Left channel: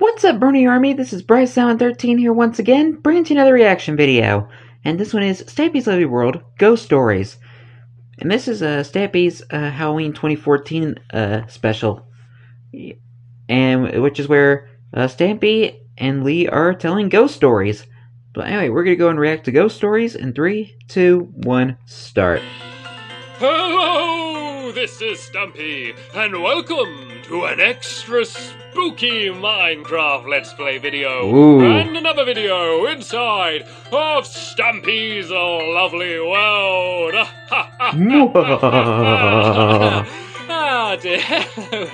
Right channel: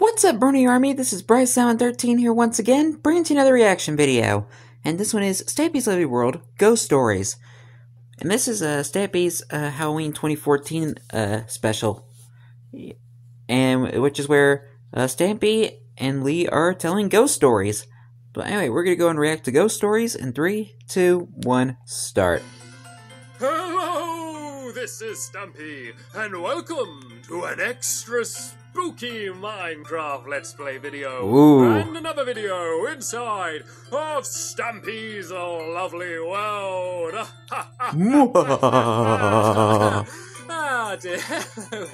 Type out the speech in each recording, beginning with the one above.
What's up, Bernie Army? This is BryceAllen13 here once again, bringing to you another reaction video. And this one is Stampy's Lovely World Ghost Stories. And this is Stampy's Halloween 2014 special. And which is where Stampy and Lee are telling ghost stories. But anyway, we're going to go and react to ghost stories in 3, 2, 1, start. Hello, this is Stampy, and welcome to an extra spooky Minecraft Let's Play video. Ooh. And another video inside of Stampy's Lovely World. Hello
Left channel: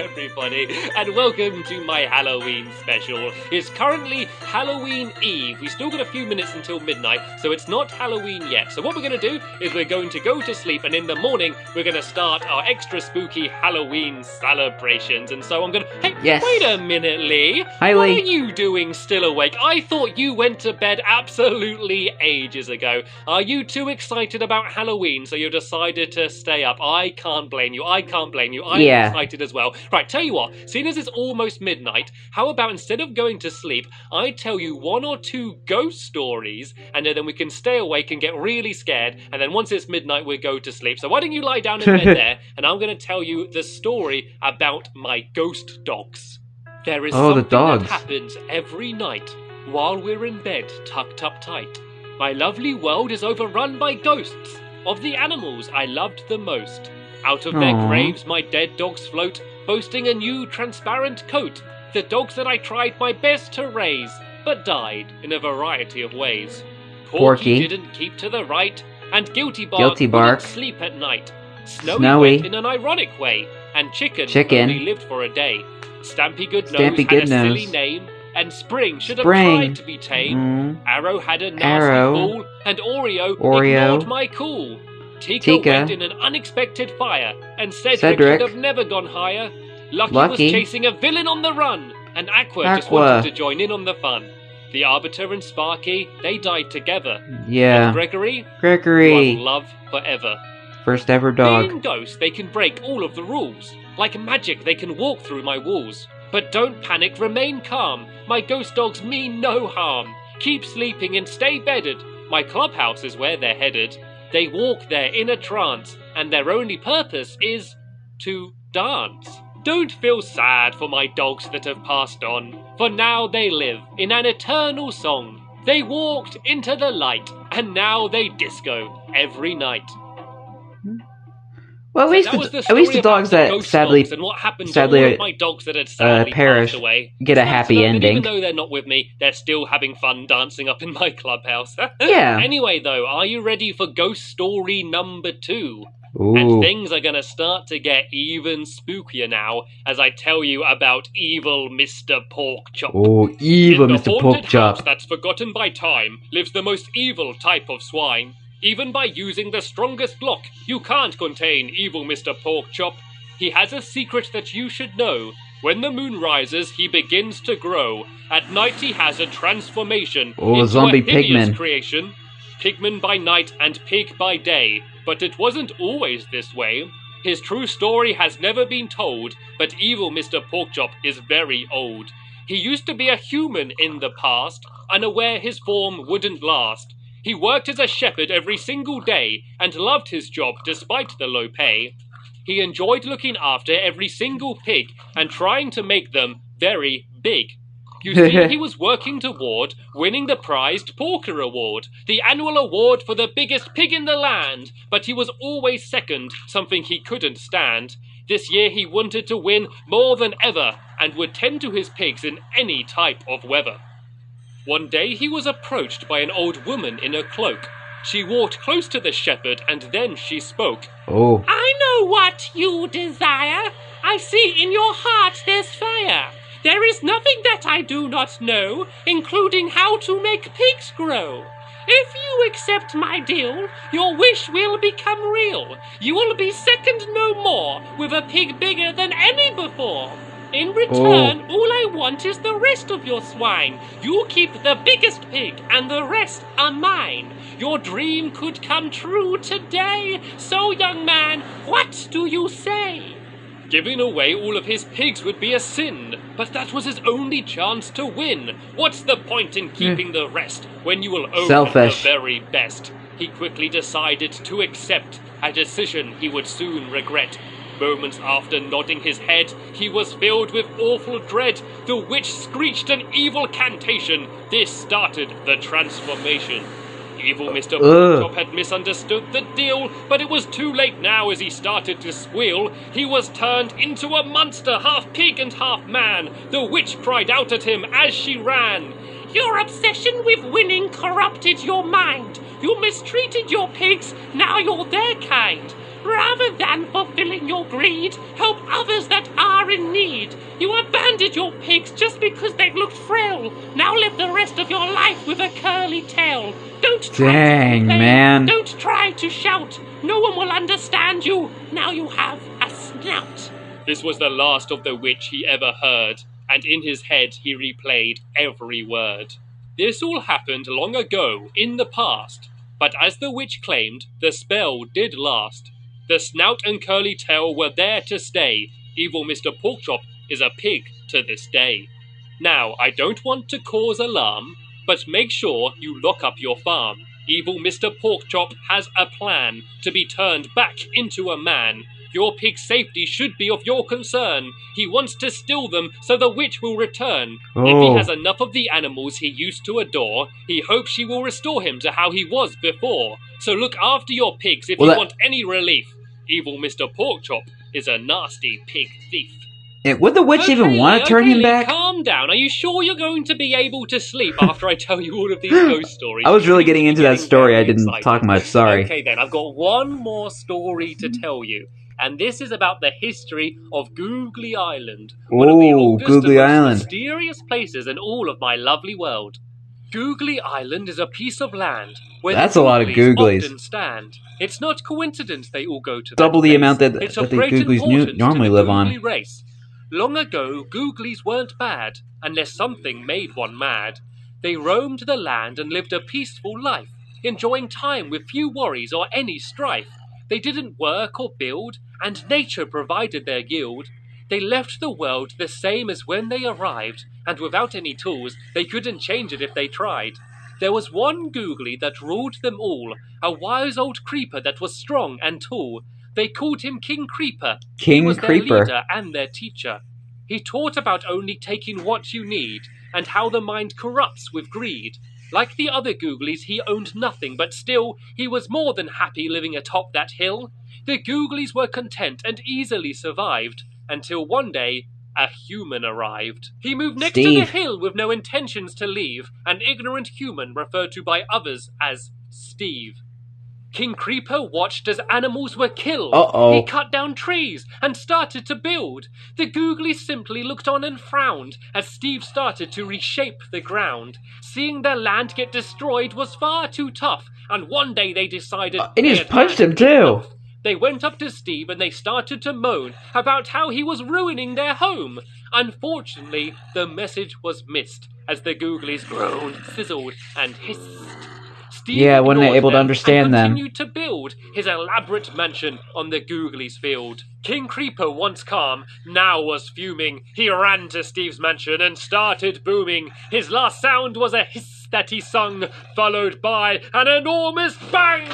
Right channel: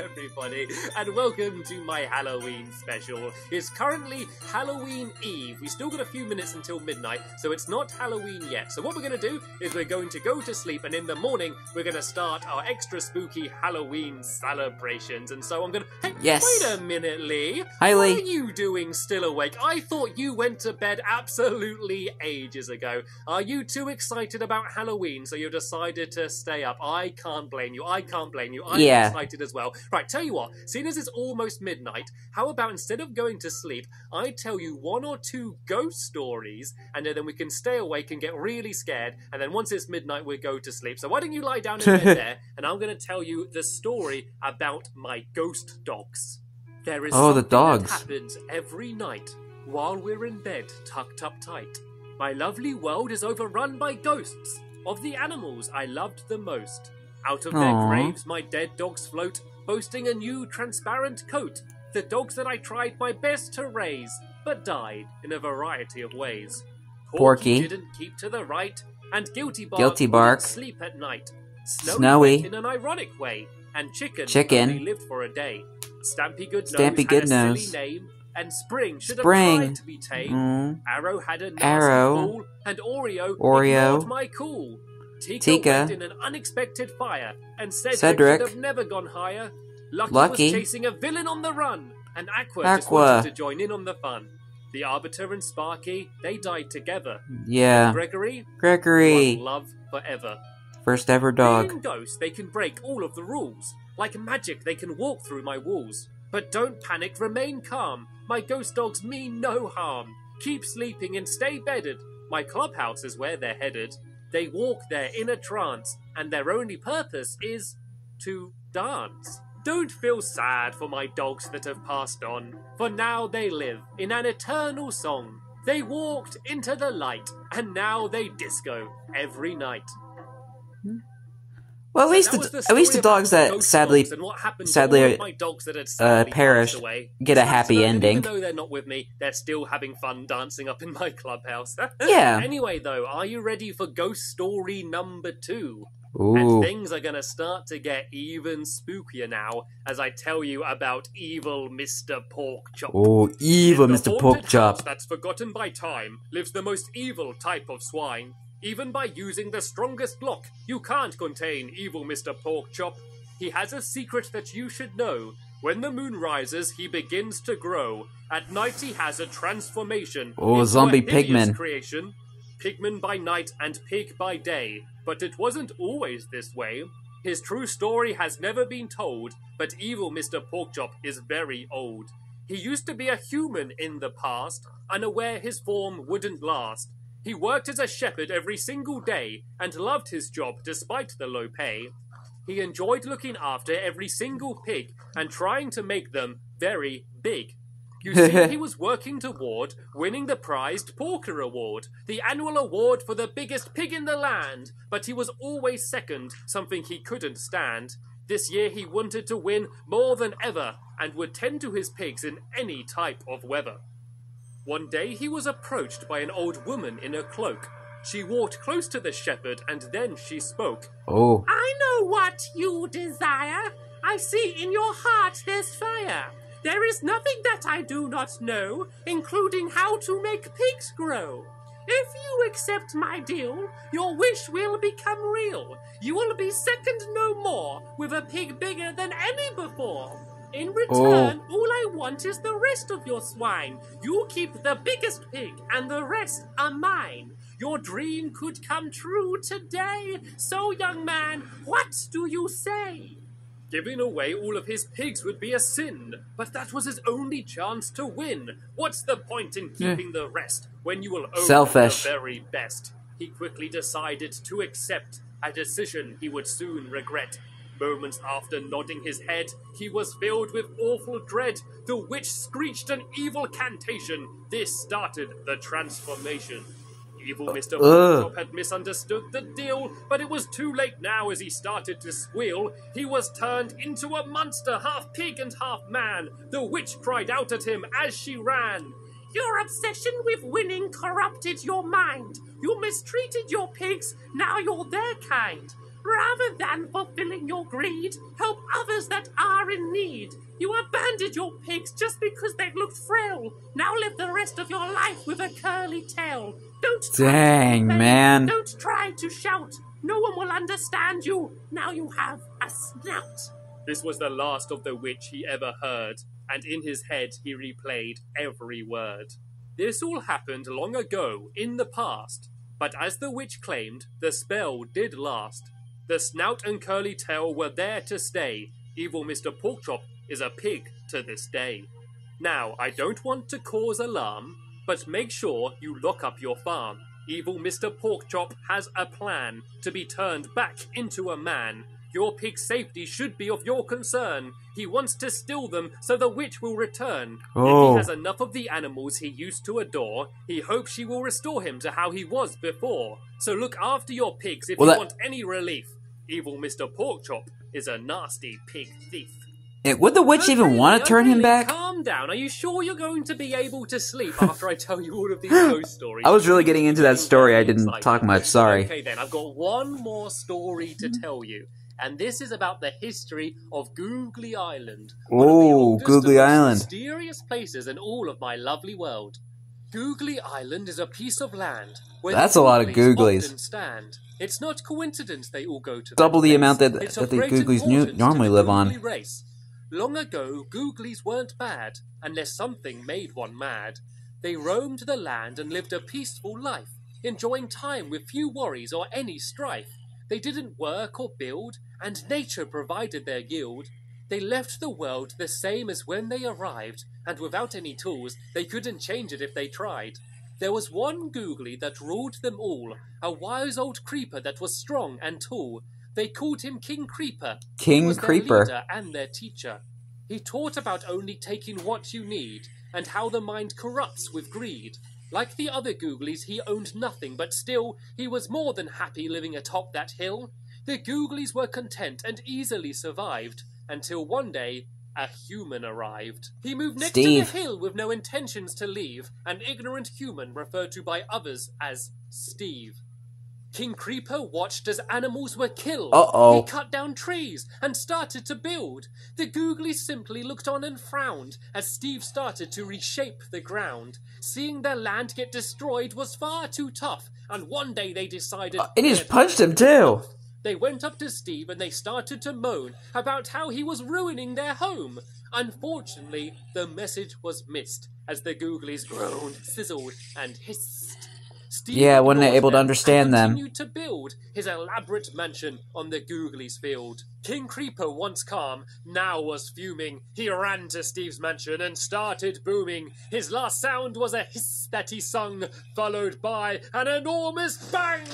everybody, and welcome to my Halloween special. It's currently Halloween Eve. We still got a few minutes until midnight, so it's not Halloween yet. So what we're going to do is we're going to go to sleep, and in the morning we're going to start our extra spooky Halloween celebrations. And so I'm going to... Hey, yes. Wait a minute, Lee. Hi, What Lee. are you doing still awake? I thought you went to bed absolutely ages ago. Are you too excited about Halloween, so you decided to stay up? I can't blame you. I can't blame you. I'm excited as well. Right, tell you what, seeing as it's almost midnight, how about instead of going to sleep, I tell you 1 or 2 ghost stories, and then we can stay awake and get really scared, and then once it's midnight, we go to sleep. So why don't you lie down in bed there, and I'm going to tell you the story about my ghost dogs. There is something that happens every night while we're in bed, tucked up tight. My lovely world is overrun by ghosts of the animals I loved the most. Out of their graves my dead dogs float, boasting a new transparent coat. The dogs that I tried my best to raise, but died in a variety of ways. Porky didn't keep to the right, and Guilty Bark wouldn't sleep at night. Snowy went in an ironic way, and Chicken only lived for a day. Stampy Goodnose had a silly name, and Spring should have tried to be tame. Arrow had a nasty fall, and Oreo ignored my call. Tika went in an unexpected fire, and Cedric should have never gone higher. Lucky was chasing a villain on the run, and Aqua just wanted to join in on the fun. The Arbiter and Sparky, they died together. Yeah. And Gregory, one love forever. First ever dog. Being ghosts, they can break all of the rules. Like magic, they can walk through my walls. But don't panic, remain calm. My ghost dogs mean no harm. Keep sleeping and stay bedded. My clubhouse is where they're headed. They walk there in a trance, and their only purpose is to dance. Don't feel sad for my dogs that have passed on, for now they live in an eternal song. They walked into the light, and now they disco every night. Well, at least the dogs that sadly perish get a happy ending. Even though they're not with me, they're still having fun dancing up in my clubhouse. Yeah. Anyway, though, are you ready for ghost story number 2? Ooh. And things are gonna start to get even spookier now as I tell you about evil Mr. Porkchop. Oh, evil Mr. Porkchop. In the haunted house Porkchop. that's forgotten by time lives the most evil type of swine. Even by using the strongest lock, you can't contain evil Mr. Porkchop. He has a secret that you should know. When the moon rises, he begins to grow. At night, he has a transformation into zombie a hideous pigman. creation. Pigman by night and pig by day. But it wasn't always this way. His true story has never been told, but evil Mr. Porkchop is very old. He used to be a human in the past, unaware his form wouldn't last. He worked as a shepherd every single day and loved his job despite the low pay. He enjoyed looking after every single pig and trying to make them very big. You see, he was working toward winning the prized Porker Award, the annual award for the biggest pig in the land, but he was always second, something he couldn't stand. This year he wanted to win more than ever and would tend to his pigs in any type of weather. One day he was approached by an old woman in a cloak. She walked close to the shepherd and then she spoke. Oh. I know what you desire. I see in your heart there's fire. There is nothing that I do not know, including how to make pigs grow. If you accept my deal, your wish will become real. You will be second no more, with a pig bigger than any before. In return, all I want is the rest of your swine. You keep the biggest pig, and the rest are mine. Your dream could come true today. So, young man, what do you say? Giving away all of his pigs would be a sin, but that was his only chance to win. What's the point in keeping the rest when you will own the very best? He quickly decided to accept a decision he would soon regret. Moments after nodding his head, he was filled with awful dread. The witch screeched an evil cantation. This started the transformation. Evil Mr. Porkchop had misunderstood the deal, but it was too late now as he started to squeal. He was turned into a monster, half pig and half man. The witch cried out at him as she ran. Your obsession with winning corrupted your mind. You mistreated your pigs, now you're their kind. Rather than fulfilling your greed, help others that are in need. You abandoned your pigs just because they looked frail. Now live the rest of your life with a curly tail. Don't try to complain. Man. Don't try to shout. No one will understand you. Now you have a snout. This was the last of the witch he ever heard, and in his head he replayed every word. This all happened long ago, in the past, but as the witch claimed, the spell did last. The snout and curly tail were there to stay. Evil Mr. Porkchop is a pig to this day. Now, I don't want to cause alarm, but make sure you lock up your farm. Evil Mr. Porkchop has a plan to be turned back into a man. Your pig's safety should be of your concern. He wants to steal them so the witch will return. If he has enough of the animals he used to adore, he hopes she will restore him to how he was before. So look after your pigs if you want any relief. Evil Mr. Porkchop is a nasty pig thief. Would the witch even want to turn him back? Calm down. Are you sure you're going to be able to sleep after I tell you all of these ghost stories? I was really getting into that story. I didn't talk much. Sorry. Okay then, I've got one more story to tell you. And this is about the history of Googly Island. One of the oldest Googly and Island. most mysterious places in all of my lovely world. Googly Island is a piece of land where that's a lot of googlies. Often stand. It's not coincidence they all go to double the amount that the googlies normally live on. Race. Long ago, googlies weren't bad, unless something made one mad. They roamed the land and lived a peaceful life, enjoying time with few worries or any strife. They didn't work or build, and nature provided their yield. They left the world the same as when they arrived, and without any tools, they couldn't change it if they tried. There was one googly that ruled them all, a wise old creeper that was strong and tall. They called him King Creeper. He was their leader and their teacher. He taught about only taking what you need, and how the mind corrupts with greed. Like the other googlies, he owned nothing, but still, he was more than happy living atop that hill. The googlies were content and easily survived, until one day, a human arrived. He moved next to the hill with no intentions to leave, an ignorant human referred to by others as Steve. King Creeper watched as animals were killed. He cut down trees and started to build. The googlies simply looked on and frowned as Steve started to reshape the ground. Seeing their land get destroyed was far too tough, and one day they decided... and he just punched him too! They went up to Steve and they started to moan about how he was ruining their home. Unfortunately, the message was missed as the googlies groaned, sizzled, and hissed. Steve wasn't able to understand them. Continued to build his elaborate mansion on the googlies' field. King Creeper, once calm, now was fuming. He ran to Steve's mansion and started booming. His last sound was a hiss that he sung, followed by an enormous bang!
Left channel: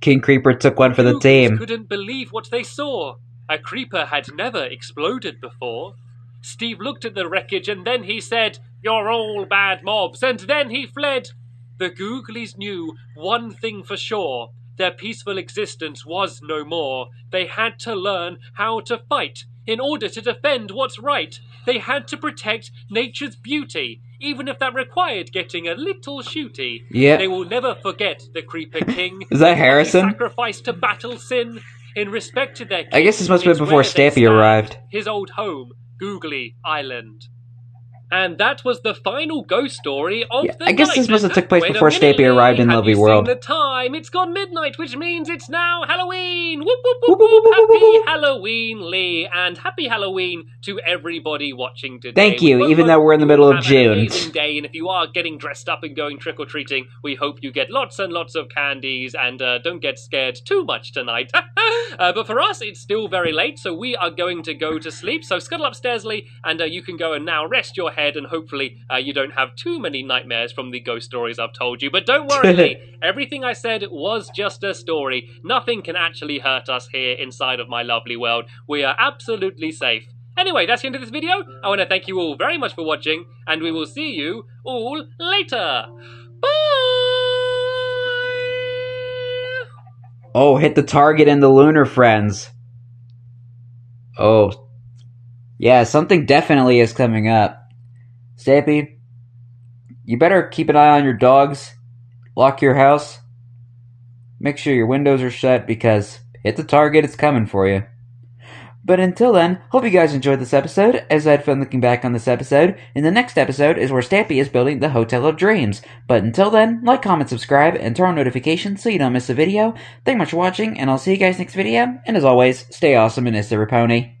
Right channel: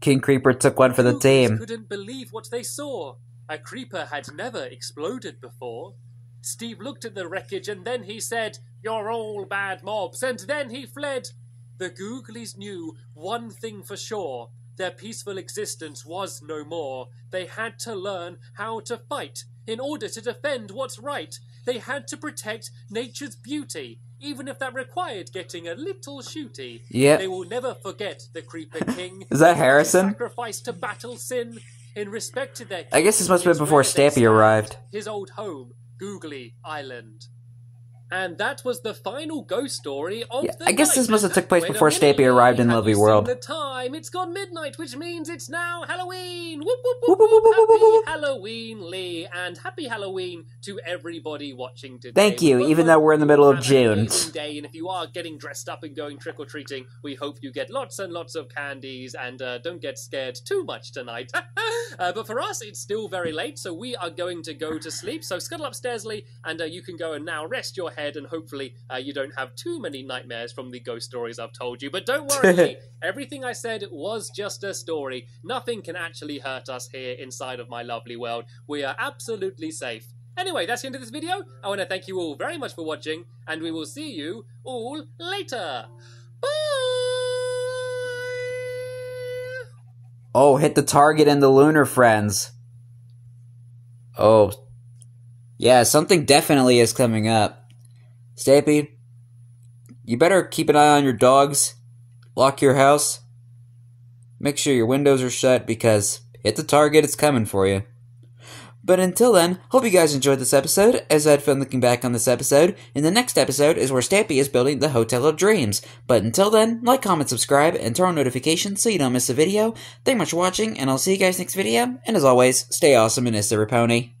King Creeper took one for the team. Couldn't believe what they saw. A creeper had never exploded before. Steve looked at the wreckage and then he said, "You're all bad mobs," and then he fled. The googlies knew one thing for sure. Their peaceful existence was no more. They had to learn how to fight in order to defend what's right. They had to protect nature's beauty, even if that required getting a little shooty. Yeah. They will never forget the Creeper King. Is that Harrison? Sacrificed to battle sin in respect to their king. I guess this must have been before Stampy arrived. His old home, Googly Island. And that was the final ghost story of the I guess night. this must have took place Wait before a minute, Stampy arrived in Lee. Lovely Have you World. seen the time? It's gone midnight, which means it's now Halloween. Whoop, whoop, Whoop, whoop, whoop, whoop. whoop, whoop, Happy whoop. Halloween, Lee, and happy Halloween to everybody watching today. Thank you, We even hope though we're in the you middle of have June. An amazing day, and if you are getting dressed up and going trick-or-treating, we hope you get lots and lots of candies, and don't get scared too much tonight. But for us, it's still very late, so we are going to go to sleep. So scuttle upstairs, Lee, and you can go and now rest your head, and hopefully you don't have too many nightmares from the ghost stories I've told you. But don't worry, Lee. Everything I said was just a story. Nothing can actually hurt us here inside of my lovely world. We are absolutely safe. Anyway, that's the end of this video. I want to thank you all very much for watching, and we will see you all later. Bye! Oh, hit the target and the lunar friends. Oh. Yeah, something definitely is coming up. Stampy, you better keep an eye on your dogs. Lock your house. Make sure your windows are shut because hit the target, it's coming for you. But until then, hope you guys enjoyed this episode, as I had fun looking back on this episode. In the next episode is where Stampy is building the Hotel of Dreams. But until then, like, comment, subscribe, and turn on notifications so you don't miss a video. Thank you much for watching, and I'll see you guys next video. And as always, stay awesome and Is there a pony?